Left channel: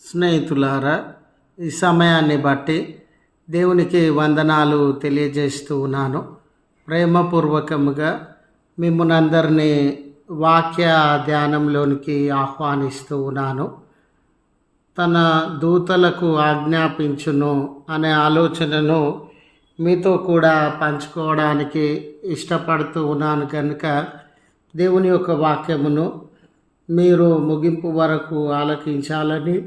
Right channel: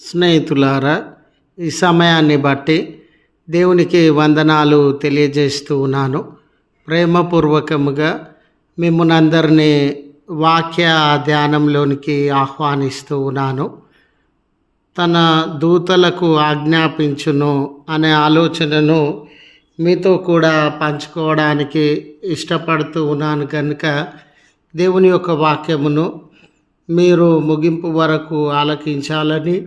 స్నేహితులారా ఈ సమయాన్ని బట్టి దేవునికి వందనాలు తెలియజేస్తూ ఉన్నాను. ప్రేమపూర్వకముగా మిమ్మల్ని అందరినీ వాక్య ధ్యానంలోనికి ఆహ్వానిస్తూ ఉన్నాను. తన దూతలకు ఆజ్ఞాపించును అనే ఆలోచనను మీతో కూడా పంచుకోవడానికి ఇష్టపడుతూ ఉన్నాను కనుక దేవుని యొక్క వాక్యమును మీరు ముగింపు వరకు ఆలకించాలని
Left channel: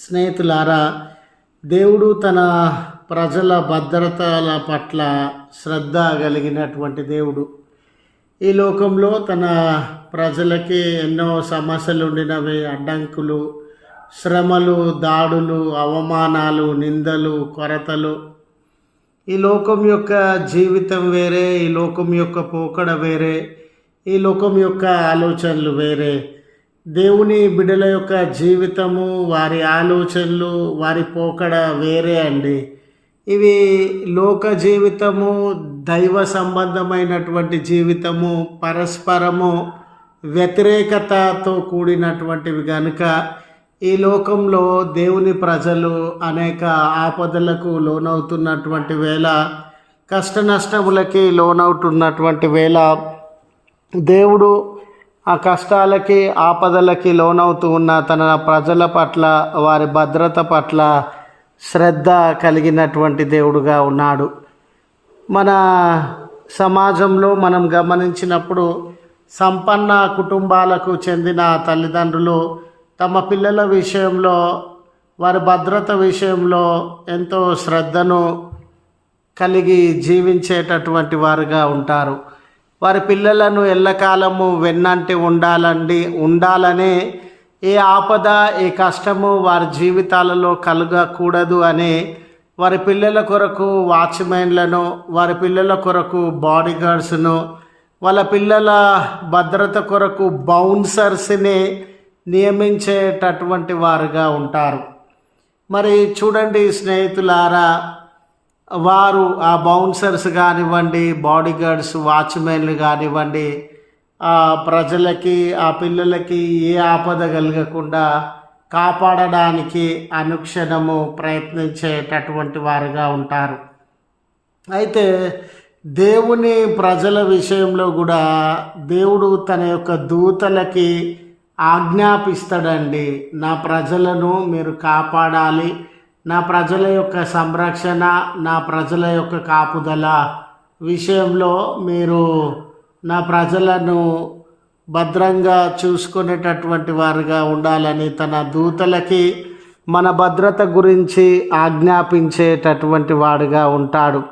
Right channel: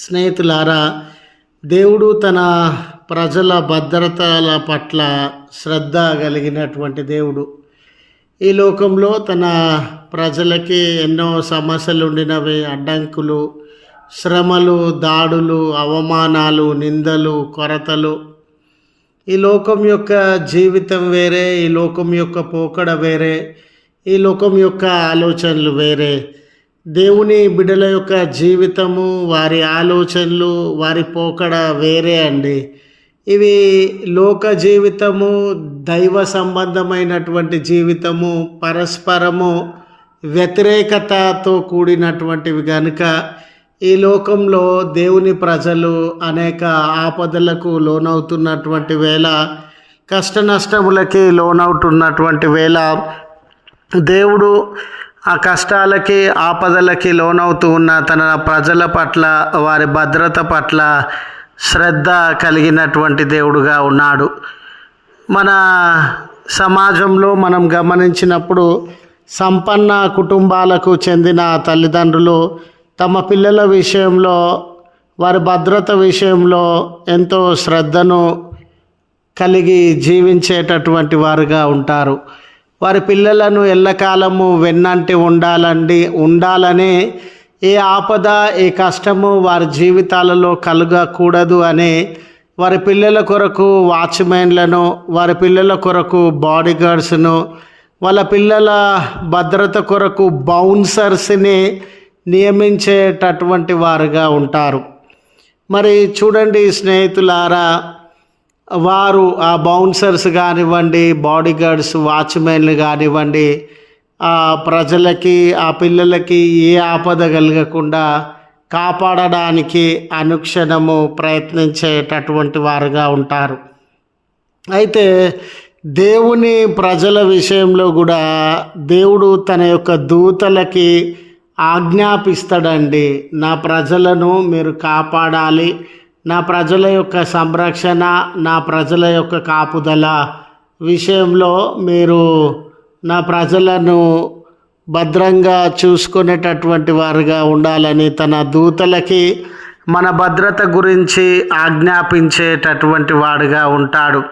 స్నేహితులారా దేవుడు తన ప్రజల భద్రతల పట్ల శ్రద్ధ కలిగినటువంటి దేవుడు. ఈ లోకంలో తన ప్రజలకి ఎన్నో సమస్యలు ఉండినవి అడ్డంకులు శ్రమలు దాడులు అవమానాలు నిందలు కొరతలు. ఈ లోకం యొక్క జీవితం వేరే ఈ లోకం యొక్క పోకడ వేరే ఈ లోకం యొక్క ఆలోచనలు వేరే. దేవుని బిడ్డల యొక్క జీవితము వారి ఆలోచనలు వారి పోకడ వేరే అండి. ఇవి లోక జీవితము దైవ సంబంధమైనటువంటి జీవితము పరస్పరము వ్యతిరేకతతో కూడినటువంటివి కనుక ఈ లోకంలో దేవుని ప్రజలు అనేక ఆపదలకు లోనవుతున్నటువంటి వేళ కష్ట నష్టములకి లోనవుతున్నటువంటి వేళ దేవుడు ఆ కష్టాలకి ఆపదలకి లోనవుతూ ఉన్న తన ప్రజల పట్ల వారి భద్రత పట్ల శ్రద్ధ కలిగినటువంటి దేవుడుగా ఉన్నాడు. మన సమాజంలో మనం గమనించినప్పుడు సంపన్న కుటుంబాలకు చెందిన తల్లిదండ్రులు తమ పిల్లల విషయంలో వారి భద్రత విషయంలో ఎంతో శ్రద్ధను కలిగి జీవించేటటువంటి వారుగా ఉంటారు. వారి పిల్లలను ఎల్లకాలము వెన్నంటి ఉండాలండి. ఉండాలనే ఏ ఆపద ఏ కష్టము వారి జీవితాలలో కలగకూడదు అనే వారి పిల్లల కొరకు వాచ్మెన్లను వారి పిల్లల కొరకు బాడీ గార్డ్స్ను వాళ్ళ పిల్లల భద్రత కొరకు బౌన్సర్స్ని నియమించేటటువంటి వారుగా ఉంటారు. మరి చూడండి స్నేహితులారా వారు ఆ బౌన్సర్స్ కానివ్వండి బాడీ గార్డ్స్ వాచ్మెన్లు కానివ్వండి ఆ ప్రజలకి ఆ పిల్లలకి ఏ ఆపద కలగకుండా కాపాడడానికి అనుక్షణము ప్రయత్నించేటటువంటి వారుగా ఉంటారు. అయితే దేవుని ప్రజల విషయంలో కూడా దేవుడు తన యొక్క దూతలకి ఆజ్ఞాపిస్తాడండి నా ప్రజలను మీరు కాపాడాలి నా ప్రజల యొక్క సంరక్షణ నా ప్రజల యొక్క కాపుదల విషయంలో మీరు నా ప్రజలను భద్రంగా చూసుకునేటటువంటి వారుగా ఉండాలని తన దూతలకి మన భద్రత గురించి ఆజ్ఞాపించేటటువంటి వాడుగా ఉంటాడు.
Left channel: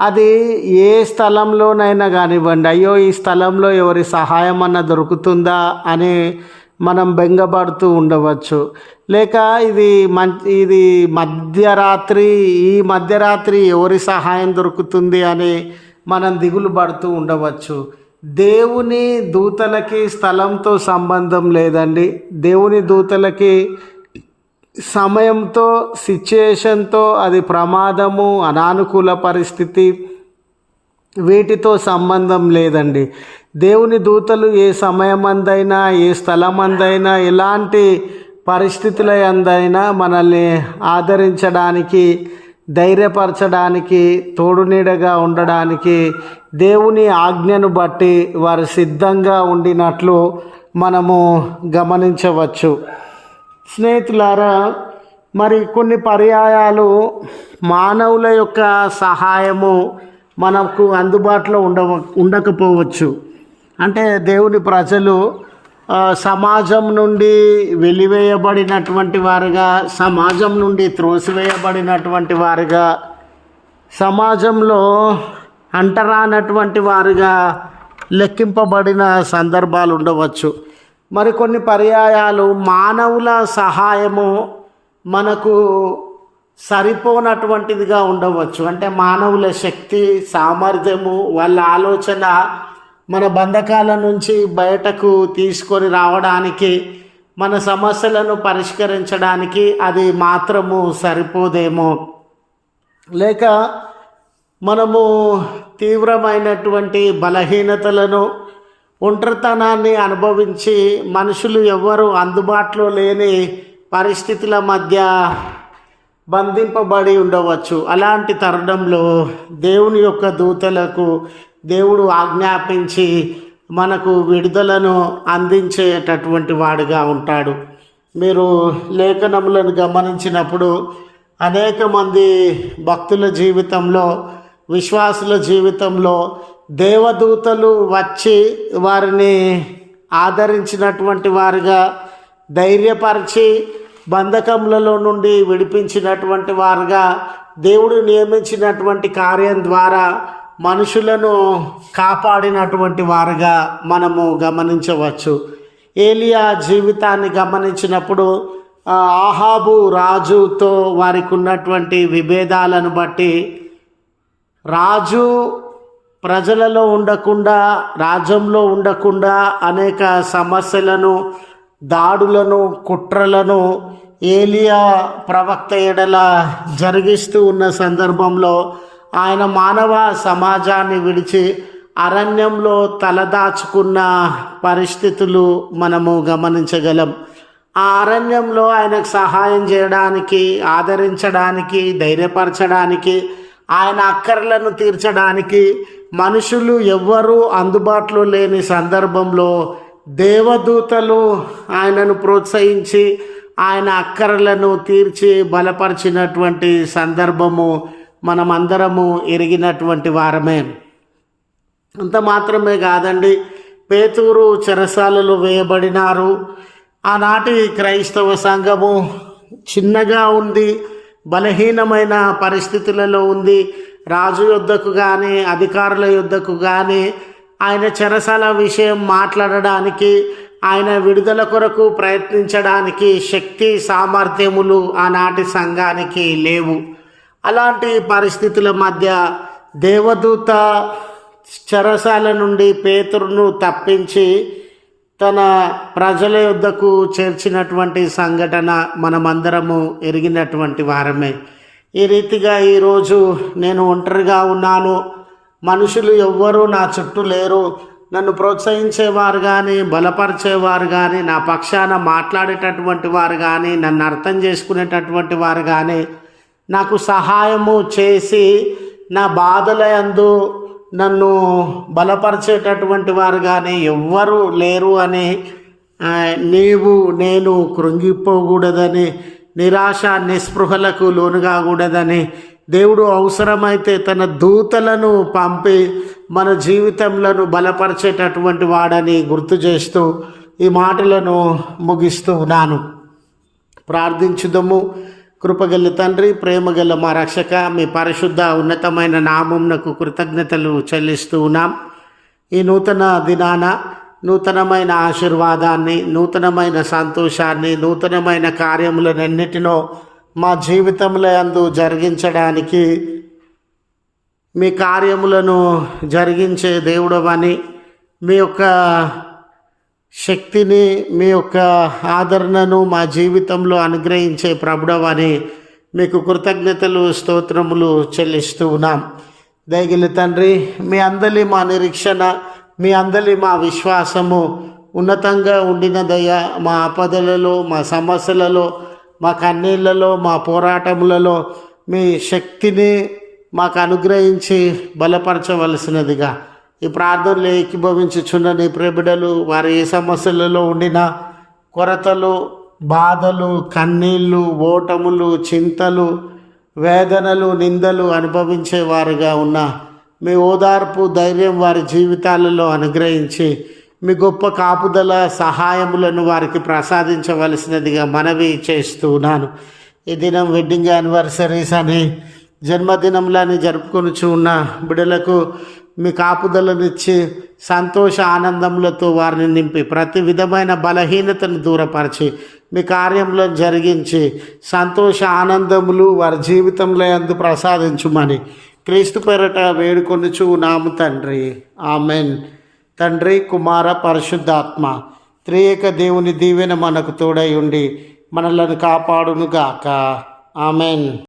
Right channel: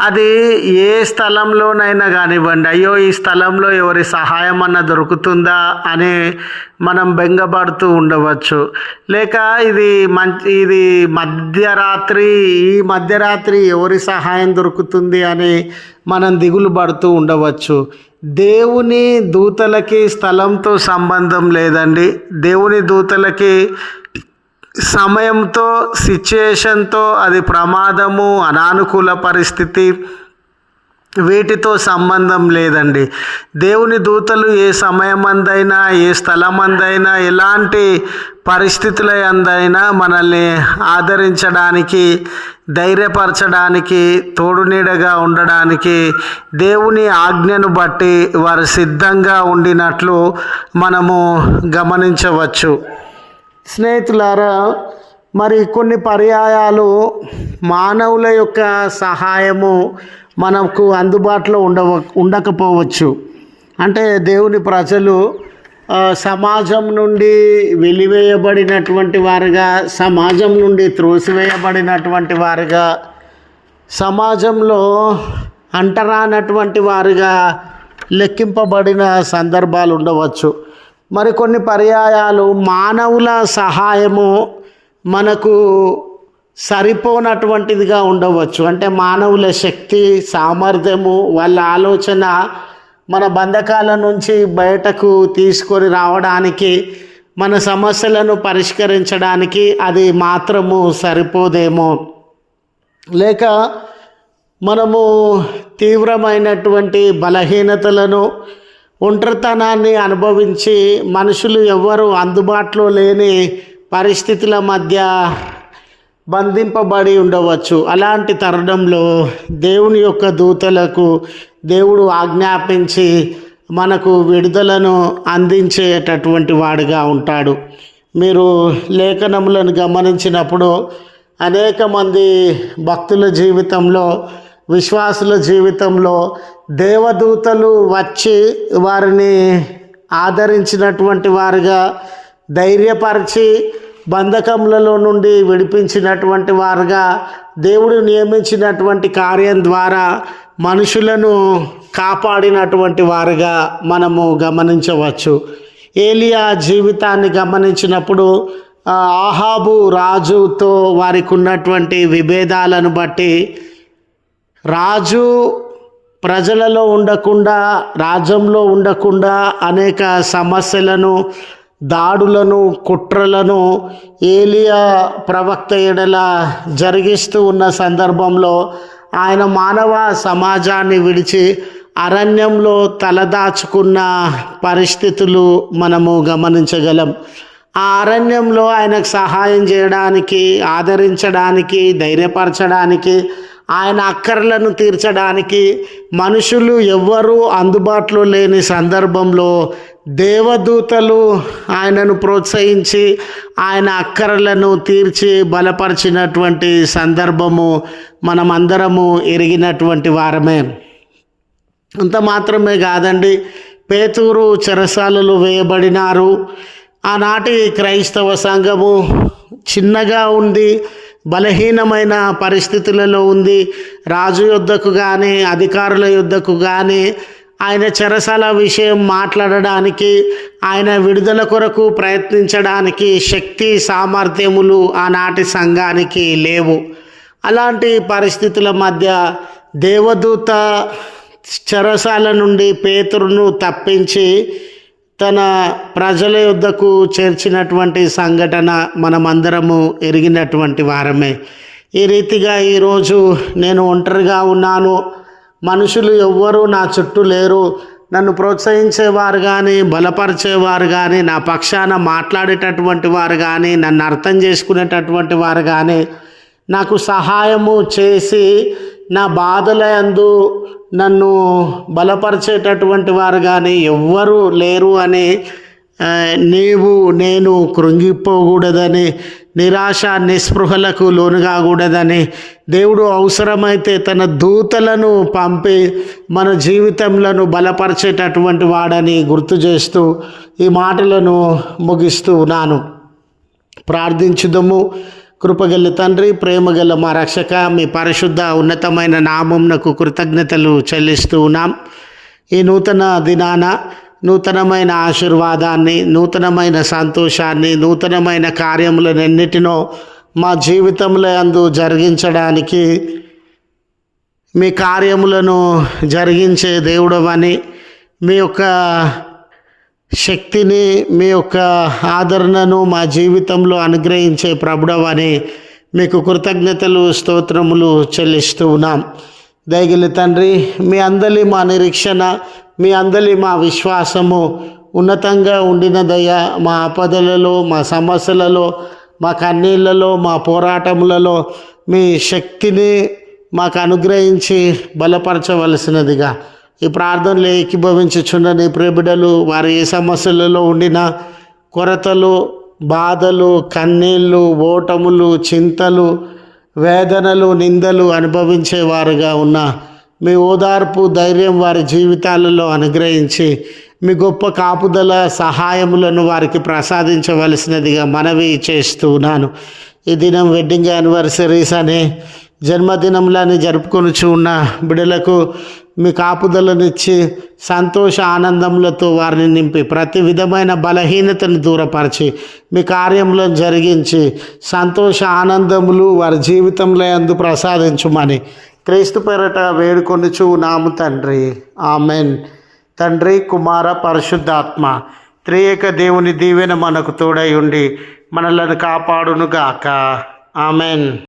అది ఏ స్థలంలోనైనా కానివ్వండి అయ్యో ఈ స్థలంలో ఎవరి సహాయం అన్న దొరుకుతుందా అని మనం బెంగపడుతూ ఉండవచ్చు. లేక ఇది మంచి ఇది మధ్యరాత్రి ఈ మధ్యరాత్రి ఎవరి సహాయం దొరుకుతుంది అని మనం దిగులు పడుతూ ఉండవచ్చు. దేవుని దూతలకి స్థలంతో సంబంధం లేదండి. దేవుని దూతలకి సమయంతో సిచ్యుయేషన్తో అది ప్రమాదము అనానుకూల పరిస్థితి వీటితో సంబంధం లేదండి. దేవుని దూతలు ఏ సమయమందైనా ఏ స్థలమందైనా ఎలాంటి పరిస్థితుల అందైనా మనల్ని ఆదరించడానికి ధైర్యపరచడానికి తోడునీడగా ఉండడానికి దేవుని ఆజ్ఞను బట్టి వారు సిద్ధంగా ఉండినట్లు మనము గమనించవచ్చు. స్నేహితులారా మరి కొన్ని పర్యాయాలు మానవుల యొక్క సహాయము మనకు అందుబాటులో ఉండవ ఉండకపోవచ్చు. అంటే దేవుని ప్రజలు సమాజం నుండి వెలివేయబడినటువంటి వారుగా సమాజం నుండి త్రోసివేయబడినటువంటి వారుగా సమాజంలో అంటరానటువంటి వారుగా లెక్కింపబడిన సందర్భాలు ఉండవచ్చు. మరికొన్ని పర్యాయాలు మానవుల సహాయము మనకు సరిపోనటువంటిదిగా ఉండవచ్చు. అంటే మానవుల శక్తి సామర్థ్యము వాళ్ళ ఆలోచన మన బంధకాల నుంచి బయటకు తీసుకొని రావడానికి మన సమస్యలను పరిష్కరించడానికి అది మాత్రము సరిపోదేమో. లేక మనము తీవ్రమైనటువంటి బలహీనతలను ఒంటరితనాన్ని అనుభవించి మనుషులు ఎవ్వరూ అందుబాటులో లేని పరిస్థితుల మధ్య బంధింపబడి ఉండవచ్చు. అలాంటి తరుణంలో దేవుని యొక్క దూతలకు దేవుడు ఆజ్ఞాపించి మనకు విడుదలను అందించేటటువంటి వాడుగా ఉంటాడు. మీరు లేఖనములను గమనించినప్పుడు అనేక మంది భక్తుల జీవితంలో విశ్వాసుల జీవితంలో దేవదూతలు వచ్చి వారిని ఆదరించినటువంటి వారుగా ధైర్యపరిచి బంధకములలో నుండి విడిపించినటువంటి వారుగా దేవుడు నియమించినటువంటి కార్యం ద్వారా మనుషులను కాపాడినటువంటి వారుగా మనము గమనించవచ్చు. ఏలియా జీవితాన్ని గమనించినప్పుడు ఆహాబు రాజుతో వారికి ఉన్నటువంటి విభేదాలను బట్టి రాజు ప్రజలలో ఉండకుండా రాజ్యంలో ఉండకుండా అనేక సమస్యలను దాడులను కుట్రలను ఏలియా ప్రవక్త ఎడల జరిగిస్తూ ఉన్న సందర్భంలో ఆయన మానవ సమాజాన్ని విడిచి అరణ్యంలో తలదాచుకున్న పరిస్థితులు మనము గమనించగలం. ఆ అరణ్యంలో ఆయనకు సహాయం చేయడానికి ఆదరించడానికి ధైర్యపరచడానికి ఆయన అక్కర్లను తీర్చడానికి మనుషులు ఎవ్వరూ అందుబాటులో లేని సందర్భంలో దేవదూతలు ఆయనను ప్రోత్సహించి ఆయన అక్కరలను తీర్చి బలపరిచినటువంటి సందర్భము మనమందరము ఎరిగినటువంటి వారమే. అంత మాత్రమే కాదండి పేతూరు చెరసాలలో వేయబడినారు. ఆనాటి క్రైస్తవ సంఘము చిన్నగా ఉంది. బలహీనమైన పరిస్థితులలో ఉంది. రాజు యుద్ధకు కానీ అధికారుల యుద్ధకు కానీ ఆయన చెరసాల విషయం మాట్లాడడానికి ఆయన విడుదల కొరకు ప్రయత్నించడానికి శక్తి సామర్థ్యములు ఆనాటి సంఘానికి లేవు. అలాంటి పరిస్థితుల మధ్య దేవదూత చెరసాల నుండి పేతురును తప్పించి తన ప్రజల యుద్ధకు చేర్చినటువంటి సంఘటన మనమందరము ఎరిగినటువంటి వారమే. ఈ రీతిగా ఈరోజు నేను ఒంటరిగా ఉన్నాను. మనుషులు ఎవ్వరూ నా చుట్టూ లేరు. నన్ను ప్రోత్సహించేవారు కానీ బలపరిచేవారు కానీ నా పక్షాన మాట్లాడేటటువంటి వారు కానీ నన్ను అర్థం చేసుకునేటటువంటి వారు కానీ నాకు సహాయము చేసి నా బాధలందు నన్ను బలపరిచేటటువంటి వారు కానీ ఎవ్వరూ లేరు అని నీవు నేను కృంగిపోకూడదని నిరాశ నిస్పృహలకు లోను కాకూడదని దేవుడు అవసరమైతే తన దూతలను పంపి మన జీవితంలో బలపరిచేటటువంటి వాడని గుర్తు చేస్తూ ఈ మాటలను ముగిస్తూ ఉన్నాను. ప్రార్థించుదము. కృపగల తండ్రి ప్రేమగల మా రక్షక మీ పరిశుద్ధ ఉన్నతమైన నామంనకు కృతజ్ఞతలు చెల్లిస్తూ ఉన్నాం. ఈ నూతన దినాన నూతనమైన ఆశీర్వాదాన్ని నూతనమైన సంతోషాన్ని నూతనమైన కార్యములనన్నిటినో మా జీవితంలో అందు జరిగించడానికి మీ కార్యములను జరిగించే దేవుడవని మీ యొక్క శక్తిని మీ యొక్క ఆదరణను మా జీవితంలో అనుగ్రహించే ప్రభుడవని మీకు కృతజ్ఞతలు స్తోత్రములు చెల్లిస్తూ ఉన్నాం. దయగిలి తండ్రి మీ అందరి మా నిరీక్షణ మీ అందరి మా విశ్వాసము ఉన్నతంగా ఉండిన దయ మా ఆపదలలో మా సమస్యలలో మా కన్నీళ్ళలో మా పోరాటములలో మీ శక్తిని మాకు అనుగ్రహించి బలపరచవలసినదిగా. ఈ ప్రార్థనలు ఏకీభవించుచున్న నీ ప్రేబిడలు వారు ఏ సమస్యలలో ఉండినా కొరతలు బాధలు కన్నీళ్ళు ఓటములు చింతలు వేదనలు నిందలు అనుభవించేవారుగా ఉన్న మీ ఓదార్పు ధైర్యం వారి జీవితాలలో అనుగ్రహించి మీ గొప్ప కాపుదల సహాయములను వారికి ప్రసాదించవలసినదిగా మనవి చేస్తున్నాను ఈ దినం వెడ్డింగ్ యానివర్సరీస్ అని జన్మదినములని జరుపుకొనుచు ఉన్న బిడ్డలకు మీ కాపుదలనిచ్చి సంతోష ఆనందములతో వారిని నింపి ప్రతి విధమైన బలహీనతను దూరపరిచి మీ కార్యంలో జరిగించి సంతోష ఆనందములు వారి జీవితంలో ఎందు ప్రసాదించుమని క్రీస్తు పేరట వేడుకొనుచు నాము తండ్రి. ఆమెన్. తండ్రి కుమార పరిశుద్ధాత్మ త్రియేక దేవుని దీవెన మనకు తోడై ఉండి మనలను కాపాడునుగాక. ఆమెన్.